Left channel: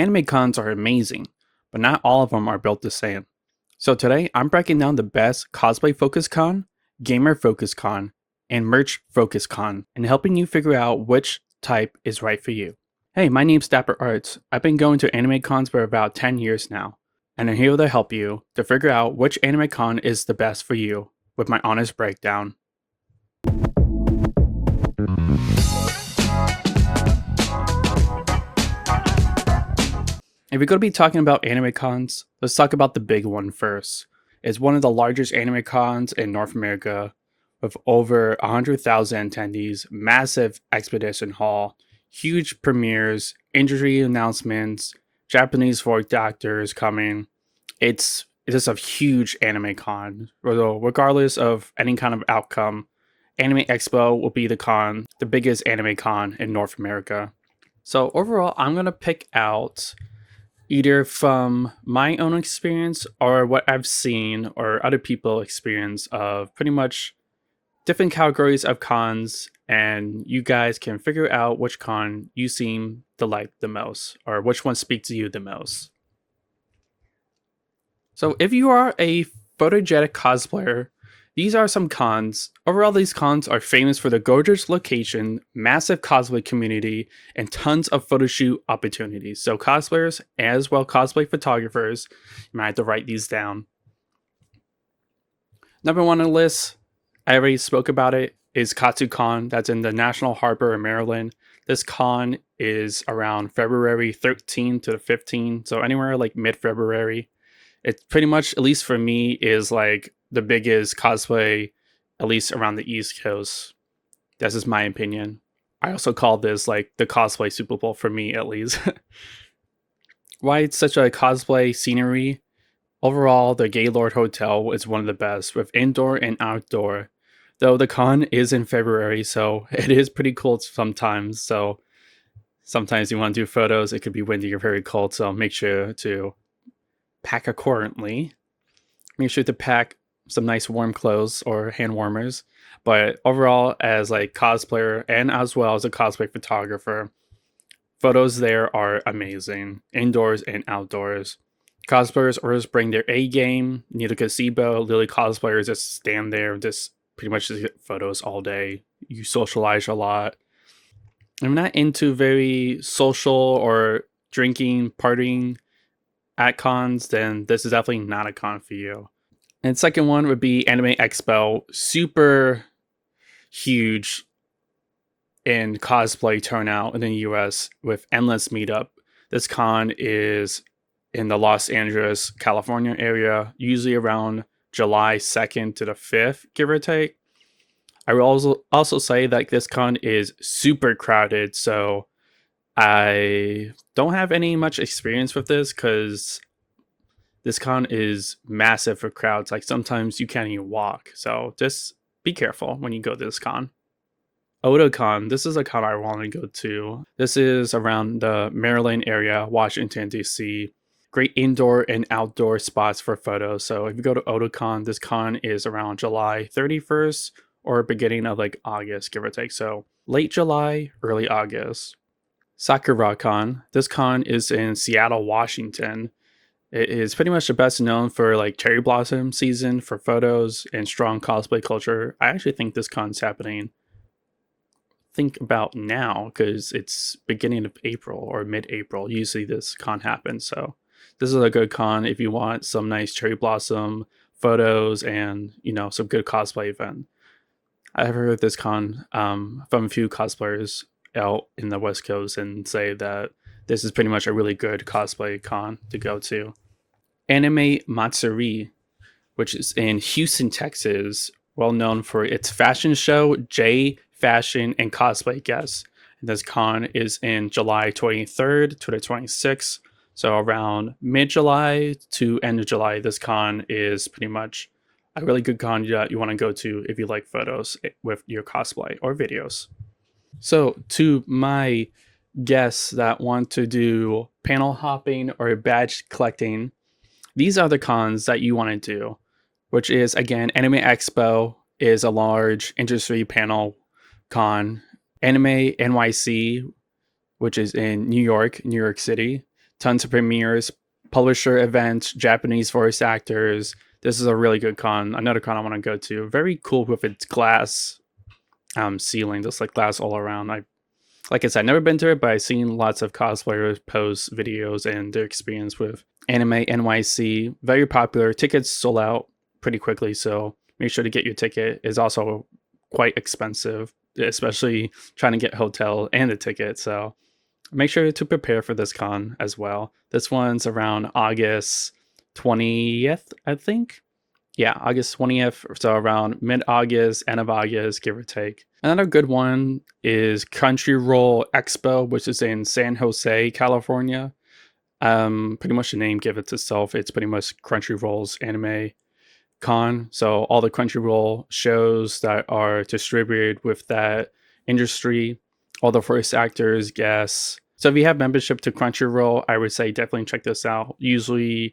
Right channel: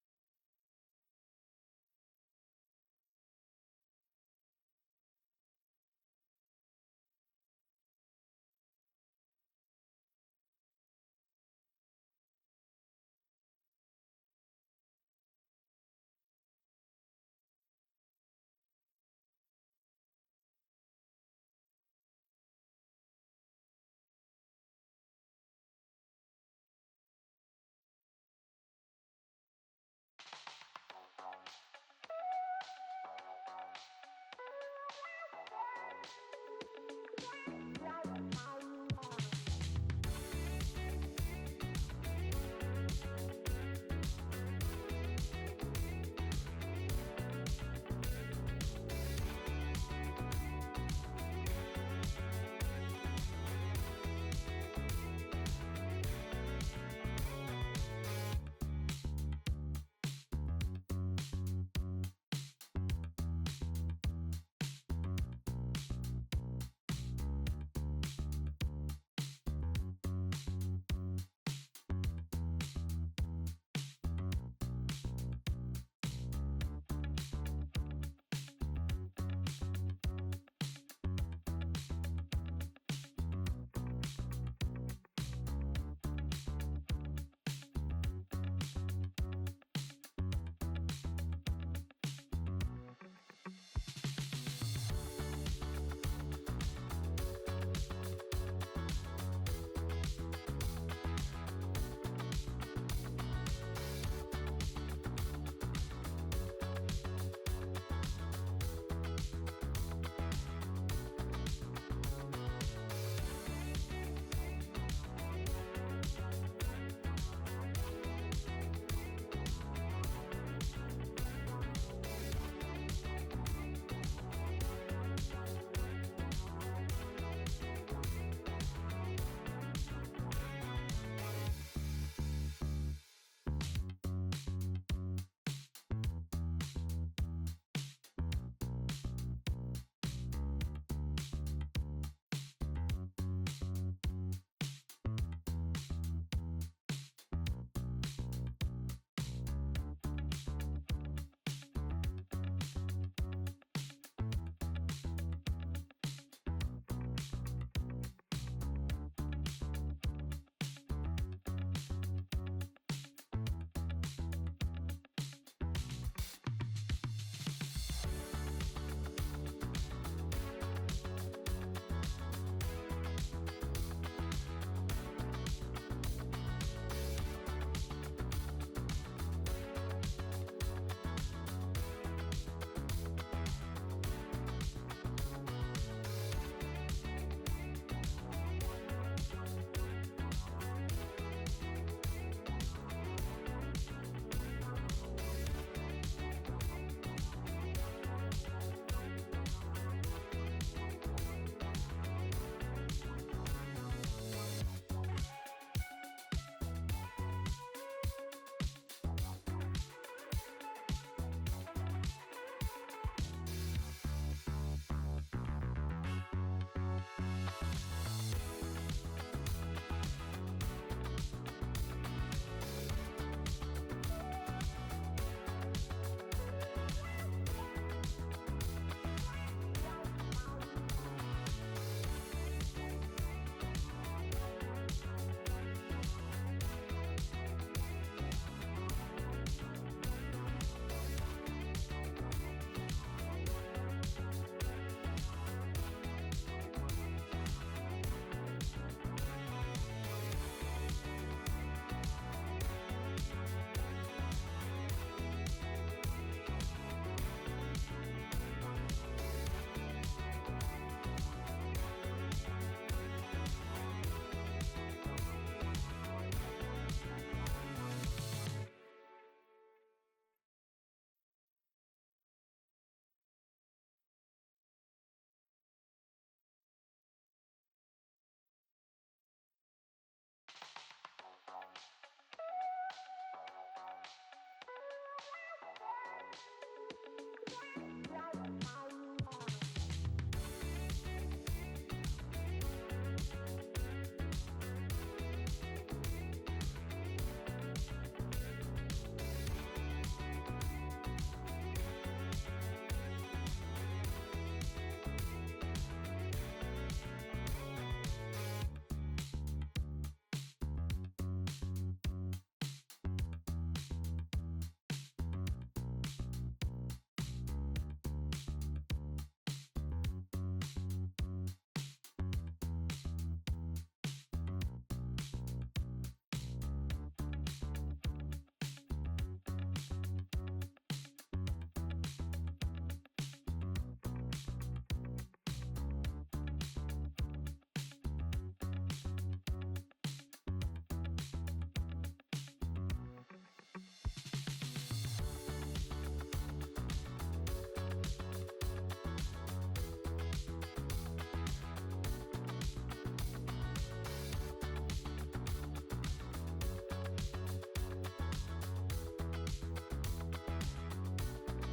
Anime cons are amazing, but not all of them are built the same. So today I'm breaking down the best cosplay focus con, gamer focus con, and merch focus con, and helping you figure out which type is right for you. Hey, my name's Dapper Arts. I've been going to anime cons for about 10 years now, and I'm here to help you to figure out which anime con is the best for you with my honest breakdown. If we're going to be talking about anime cons, let's talk about the big one first. It's one of the largest anime cons in North America with over 100,000 attendees, massive expedition hall, huge premieres, injury announcements, Japanese voice actors coming. It's just a huge anime con. Regardless of any kind of outcome, Anime Expo will be the biggest anime con in North America. So overall, I'm going to pick out either from my own experience or what I've seen or other people experience of pretty much different categories of cons, and you guys can figure out which con you seem to like the most or which one speaks to you the most. So if you are a photogenic cosplayer, these are some cons. Overall, these cons are famous for the gorgeous location, massive cosplay community, and tons of photo shoot opportunities. So cosplayers, as well cosplay photographers, you might have to write these down. Number one on the list, I already spoke about it, is KatsuCon. That's in the National Harbor in Maryland. This con is around February 13th to the 15th, so anywhere like mid-February. It pretty much, at least for me, is like the biggest cosplay, at least around the East Coast. This is my opinion. I also call this like the cosplay Super Bowl for me, at least. Why it's such a cosplay scenery? Overall, the Gaylord Hotel is one of the best with indoor and outdoor. Though the con is in February, so it is pretty cold sometimes. So sometimes you want to do photos, it could be windy or very cold, so make sure to pack accordingly. Make sure to pack some nice warm clothes or hand warmers. But overall, as like cosplayer and as well as a cosplay photographer, photos there are amazing, indoors and outdoors. Cosplayers always bring their A game, need a gazebo. Literally, cosplayers just stand there, just pretty much just get photos all day. You socialize a lot. I'm not into very social or drinking, partying at cons, then this is definitely not a con for you. And second one would be Anime Expo. Super huge in cosplay turnout in the US with endless meetup. This con is in the Los Angeles, California area, usually around July 2nd to the 5th, give or take. I will also say that this con is super crowded, so I don't have any much experience with this because this con is massive for crowds. Like sometimes you can't even walk, so just be careful when you go to this con. Otakon, this is a con I want to go to. This is around the Maryland area, Washington DC. Great indoor and outdoor spots for photos. So if you go to Otakon, this con is around July 31st or beginning of like August, give or take. So late July, early August. SakuraCon. This con is in Seattle, Washington. It is pretty much the best known for like cherry blossom season for photos and strong cosplay culture. I actually think this con's happening about now because it's beginning of April or mid-April. Usually this con happens, so this is a good con if you want some nice cherry blossom photos and some good cosplay event. I've heard of this con from a few cosplayers out in the West Coast and say that this is pretty much a really good cosplay con to go to. Anime Matsuri, which is in Houston, Texas, well known for its fashion show, J Fashion and cosplay guests. This con is in July 23rd to the 26th, so around mid-July to end of July. This con is pretty much a really good con that you want to go to if you like photos with your cosplay or videos. So to my guests that want to do panel hopping or badge collecting, these are the cons that you want to do, which is again Anime Expo is a large industry panel con. Anime NYC, which is in New York City. tons of premieres, publisher events, Japanese voice actors. This is a really good con. Another con I want to go to. Very cool with its glass ceiling, just like glass all around. Like I said, never been to it, but I've seen lots of cosplayers post videos and their experience with Anime NYC. Very popular. Tickets sold out pretty quickly, so make sure to get your ticket. It's also quite expensive, especially trying to get hotel and a ticket. So make sure to prepare for this con as well. This one's around August 20th, I think. Yeah, August 20th, so around mid-August, end of August, give or take. Another good one is Crunchyroll Expo, which is in San Jose, California. Pretty much the name gives it itself. It's pretty much Crunchyroll's anime con. So all the Crunchyroll shows that are distributed with that industry, all the voice actors, guests. So if you have membership to Crunchyroll, I would say definitely check this out. Usually,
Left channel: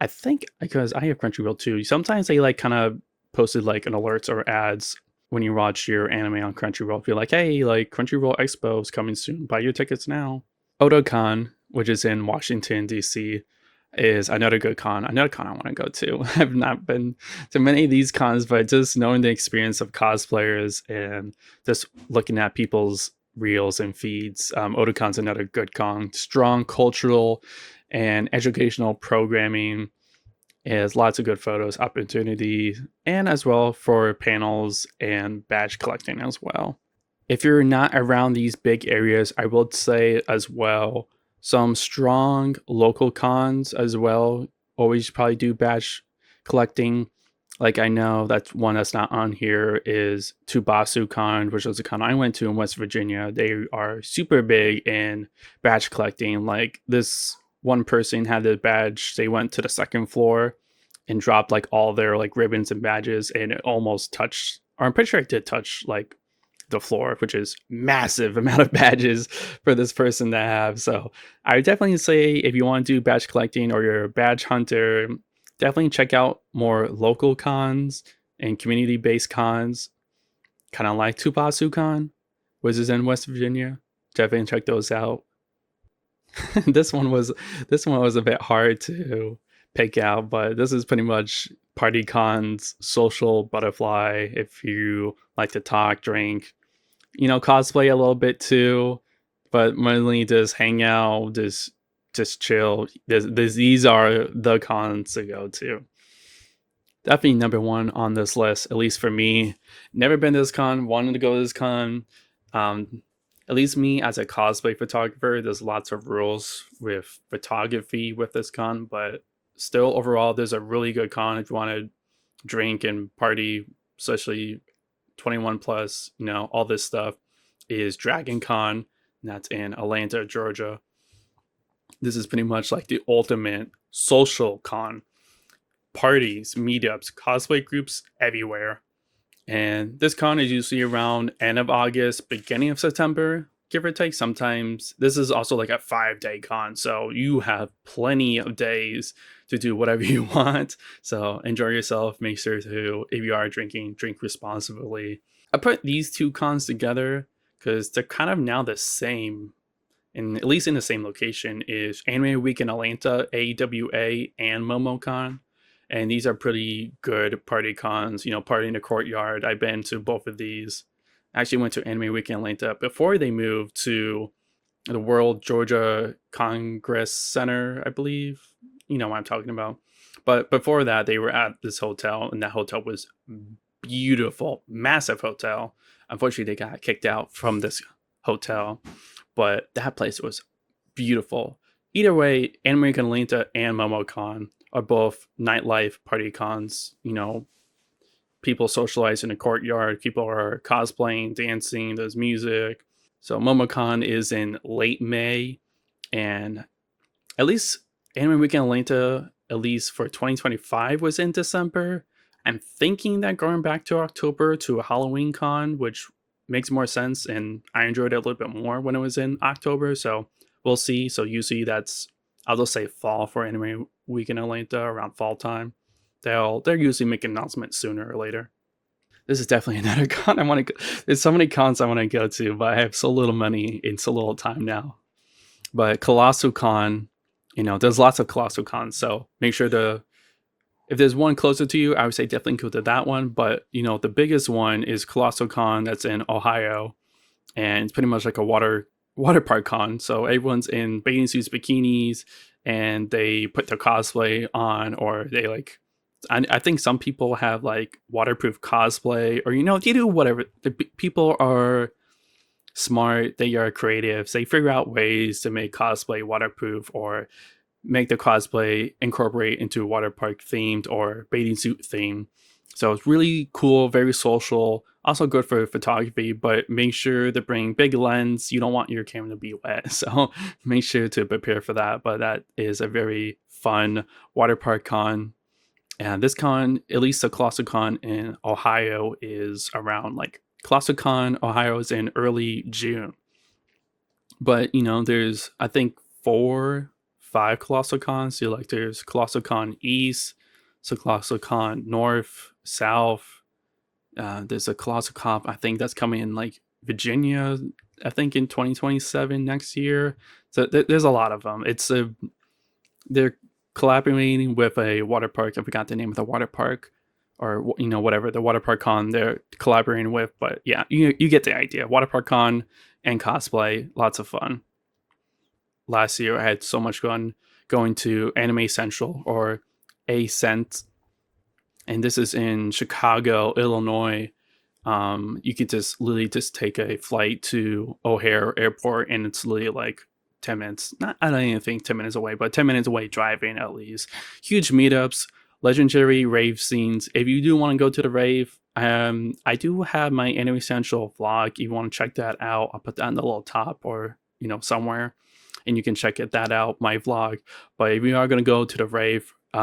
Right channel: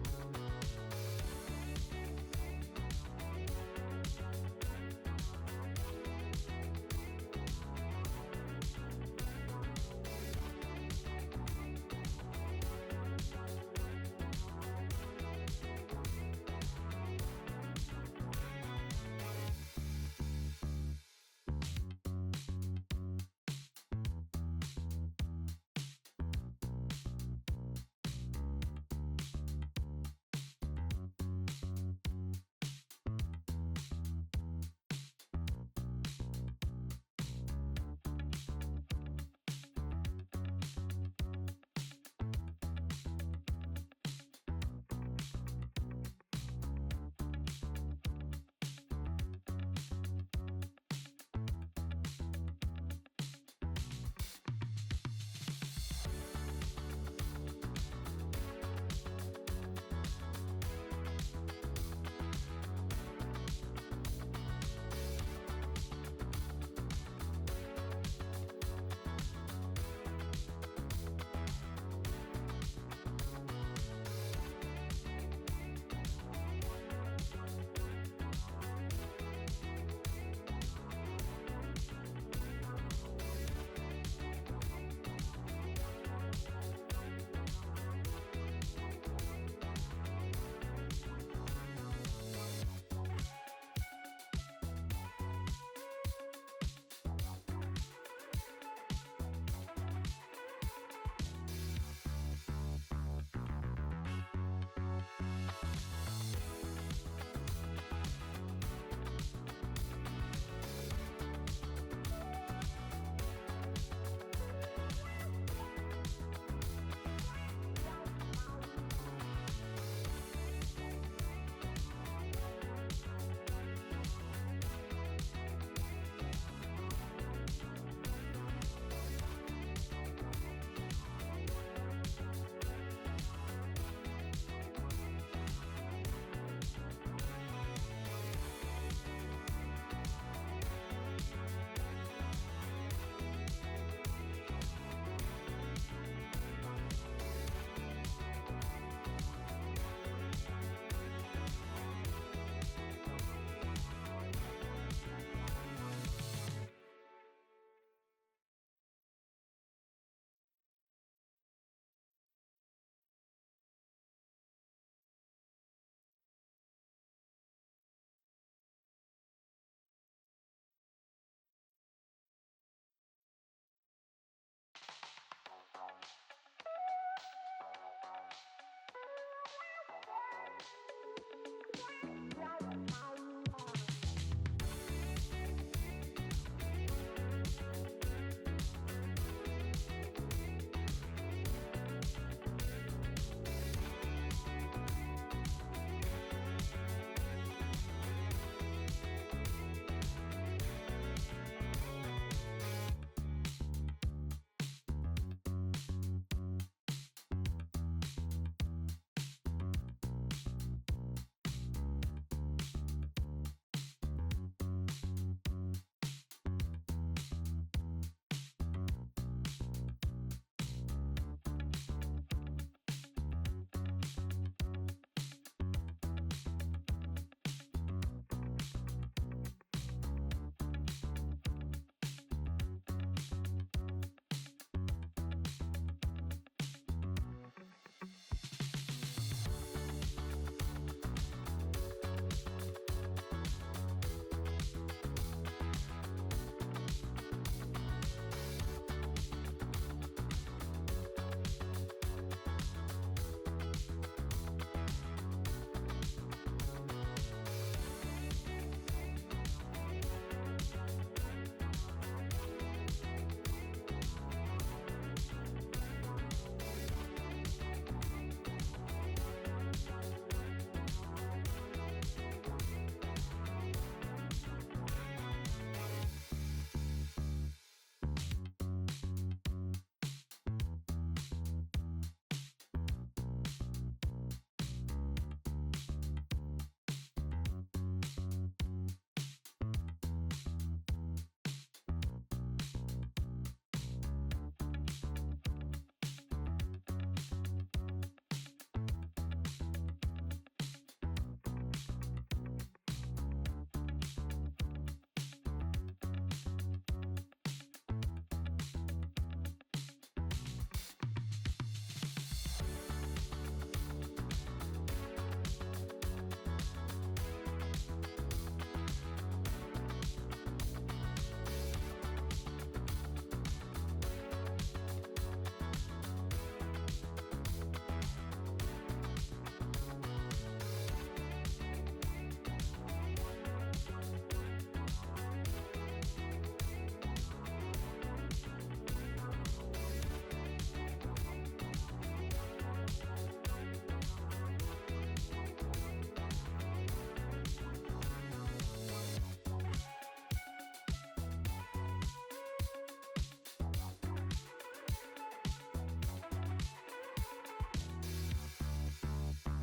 I think because I have Crunchyroll too, sometimes they like kind of posted like an alerts or ads when you watch your anime on Crunchyroll. Be like, hey, like Crunchyroll Expo is coming soon. Buy your tickets now. Otakon, which is in Washington, D.C., is another good con. Another con I want to go to. I've not been to many of these cons, but just knowing the experience of cosplayers and just looking at people's reels and feeds, Otakon's another good con. Strong cultural and educational programming, is lots of good photos, opportunities, and as well for panels and badge collecting as well. If you're not around these big areas, I would say as well some strong local cons as well. Always probably do badge collecting. Like I know that's one that's not on here is Tubasu Con, which was a con I went to in West Virginia. They are super big in badge collecting. Like this one person had the badge, they went to the second floor and dropped like all their like ribbons and badges, and it almost touched, or I'm pretty sure it did touch like the floor, which is massive amount of badges for this person to have. So I would definitely say if you want to do badge collecting or you're a badge hunter, definitely check out more local cons and community-based cons, kind of like Tubasu Con, which is in West Virginia. Definitely check those out. This one was a bit hard to pick out, but this is pretty much PartyCon's social butterfly. If you like to talk, drink, cosplay a little bit too, but mainly just hang out, just chill. These are the cons to go to. Definitely number one on this list, at least for me. Never been to this con, wanted to go to this con. At least me as a cosplay photographer, there's lots of rules with photography with this con, but still overall there's a really good con if you want to drink and party, especially 21 plus, all this stuff, is Dragon Con, and that's in Atlanta, Georgia. This is pretty much like the ultimate social con. Parties, meetups, cosplay groups everywhere. And this con is usually around end of August, beginning of September, give or take. Sometimes this is also like a 5-day con, so you have plenty of days to do whatever you want. So enjoy yourself. Make sure to, if you are drinking, drink responsibly. I put these two cons together because they're kind of now the same, and at least in the same location, is Anime Week in Atlanta, AWA, and MomoCon. And these are pretty good party cons, Party in the Courtyard. I've been to both of these. I actually went to Anime Week in Atlanta before they moved to the World Georgia Congress Center, I believe. You know what I'm talking about. But before that, they were at this hotel, and that hotel was beautiful, massive hotel. Unfortunately, they got kicked out from this hotel, but that place was beautiful. Either way, Anime Week in Atlanta and MomoCon are both nightlife party cons. People socialize in the courtyard, people are cosplaying, dancing, there's music. So MomoCon is in late May, and at least Anime Week in Atlanta, at least for 2025, was in December. I'm thinking that going back to October to a Halloween con, which makes more sense, and I enjoyed it a little bit more when it was in October, so we'll see. So usually that's, I'll just say fall for Anime Week in Atlanta, around fall time. They're usually making announcements sooner or later. This is definitely another con I want to go. There's so many cons I want to go to, but I have so little money and so little time now. But Colossal Con, There's lots of Colossal Cons, so make sure to, if there's one closer to you, I would say definitely go to that one. But the biggest one is Colossal Con, that's in Ohio, and it's pretty much like a water park con. So everyone's in bathing suits, bikinis, and they put their cosplay on, or they like. I think some people have like waterproof cosplay, or they do whatever. People are smart. They are creative. So they figure out ways to make cosplay waterproof, or make the cosplay incorporate into water park themed or bathing suit themed. So it's really cool, very social, also good for photography, but make sure to bring big lens. You don't want your camera to be wet, so make sure to prepare for that. But that is a very fun water park con. And this con, at least the Colossal Con in Ohio, is around like Colossal Con Ohio is in early June. But there's I think 4, 5 Colossal Cons. So like there's Colossal Con East, so Colossal Con North, South. There's a Colossal Con I think that's coming in like Virginia, I think in 2027 next year. So there's a lot of them. They're collaborating with a water park. I forgot the name of the water park, or whatever the water park con they're collaborating with. But yeah, you get the idea. Water park con and cosplay, lots of fun. Last year I had so much fun going to Anime Central, or Ascent, and this is in Chicago, Illinois. You could just literally just take a flight to O'Hare Airport, and it's literally like 10 minutes. I don't even think 10 minutes away, but 10 minutes away driving at least. Huge meetups, legendary rave scenes. If you do want to go to the rave, I do have my Anime Central vlog. If you want to check that out, I'll put that in the little top, or somewhere, and you can check that out, my vlog. But if you are going to go to the rave,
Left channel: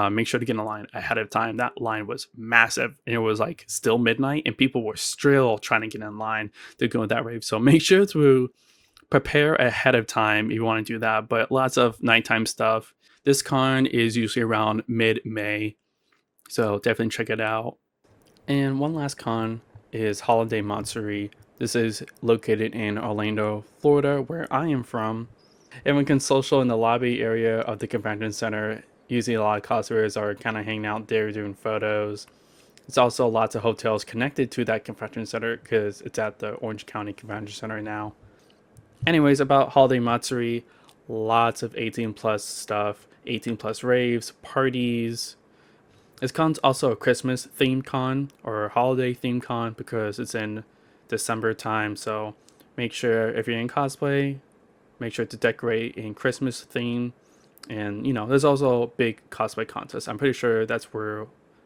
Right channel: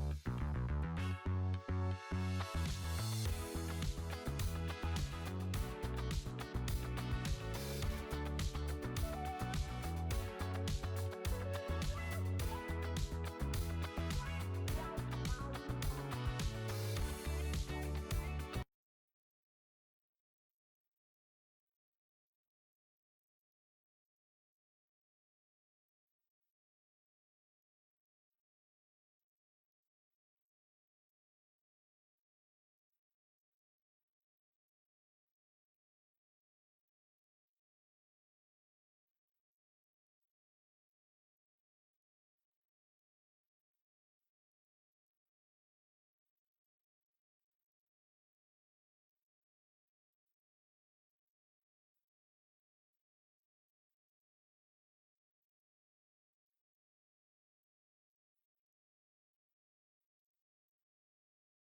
make sure to get in a line ahead of time. That line was massive, and it was like still midnight, and people were still trying to get in line to go to that rave. So make sure to prepare ahead of time if you want to do that. But lots of nighttime stuff. This con is usually around mid-May, so definitely check it out. And one last con is Holiday Matsuri. This is located in Orlando, Florida, where I am from. Everyone can social in the lobby area of the convention center. Usually a lot of cosplayers are kind of hanging out there doing photos. There's also lots of hotels connected to that convention center because it's at the Orange County Convention Center now. Anyways, about Holiday Matsuri, lots of 18 plus stuff, 18 plus raves, parties. This con's also a Christmas themed con, or a holiday themed con, because it's in December time. So make sure, if you're in cosplay, make sure to decorate in Christmas theme. And there's also a big cosplay contest. I'm pretty sure that's where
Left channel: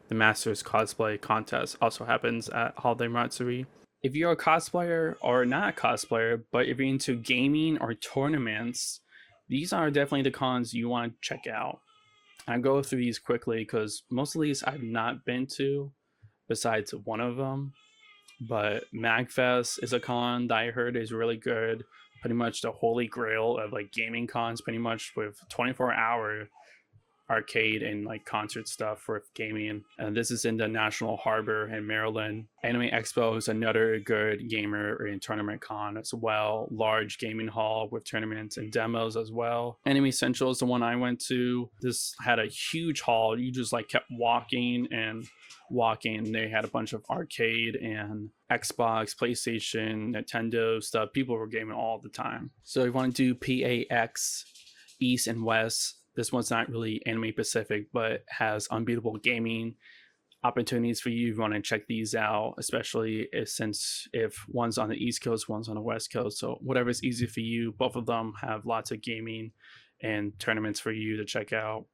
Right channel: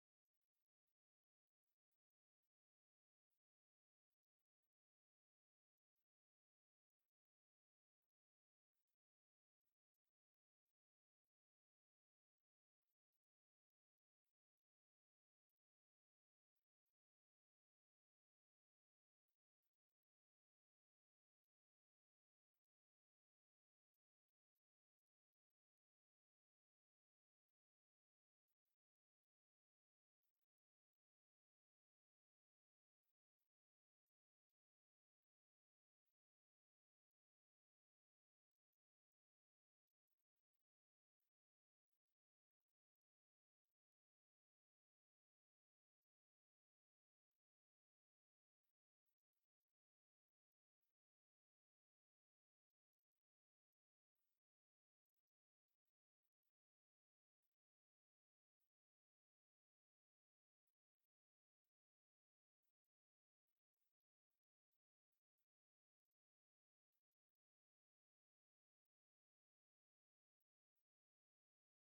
the Masters cosplay contest also happens at Holiday Matsuri. If you're a cosplayer or not a cosplayer, but if you're into gaming or tournaments, these are definitely the cons you want to check out. I go through these quickly because most of these I've not been to, besides one of them. But MagFest is a con that I heard is really good. Pretty much the holy grail of like gaming cons, pretty much with 24-hour arcade and like concert stuff for gaming. And this is in the National Harbor in Maryland. Anime Expo is another good gamer and tournament con as well. Large gaming hall with tournaments and demos as well. Anime Central is the one I went to. This had a huge hall. You just like kept walking and walking. They had a bunch of arcade and Xbox, PlayStation, Nintendo stuff. People were gaming all the time. So if you want to do PAX East and West, this one's not really anime specific, but has unbeatable gaming opportunities for you if you want to check these out, especially if one's on the East Coast, one's on the West Coast. So whatever's easy for you, both of them have lots of gaming and tournaments for you to check out.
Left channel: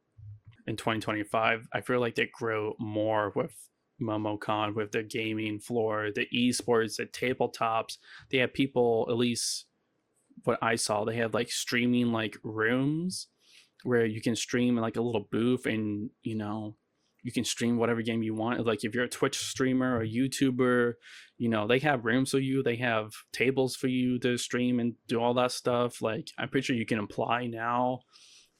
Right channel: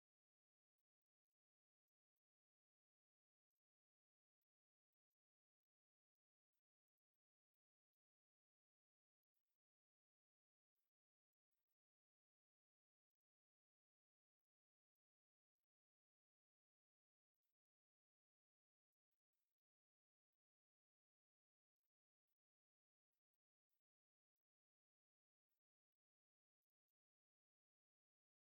In 2025, I feel like they grow more with MomoCon, with the gaming floor, the esports, the tabletops. They have people, at least what I saw, they have like streaming like rooms where you can stream in like a little booth, and you can stream whatever game you want. Like if you're a Twitch streamer or YouTuber, they have rooms for you. They have tables for you to stream and do all that stuff. Like I'm pretty sure you can apply now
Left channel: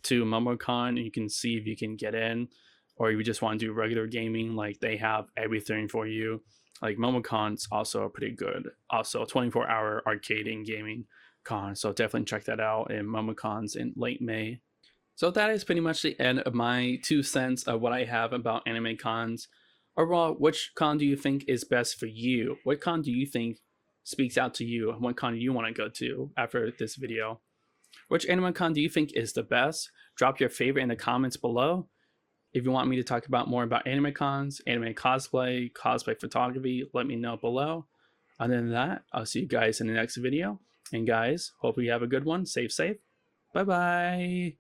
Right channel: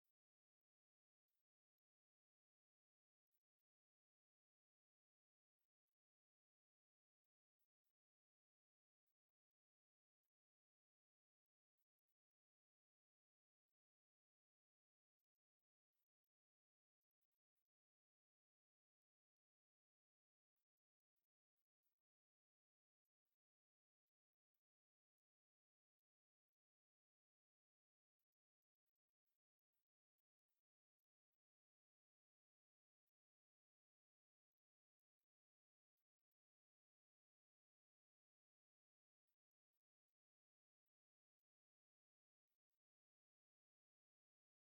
to MomoCon and you can see if you can get in, or you just want to do regular gaming. Like they have everything for you. Like MomoCon's also pretty good. Also 24-hour arcade and gaming con. So definitely check that out. And MomoCon's in late May. So that is pretty much the end of my 2 cents of what I have about anime cons. Overall, which con do you think is best for you? What con do you think speaks out to you? And what con do you want to go to after this video? Which anime con do you think is the best? Drop your favorite in the comments below. If you want me to talk about more about anime cons, anime cosplay, cosplay photography, let me know below. Other than that, I'll see you guys in the next video. And guys, hope you have a good one. Safe. Bye bye.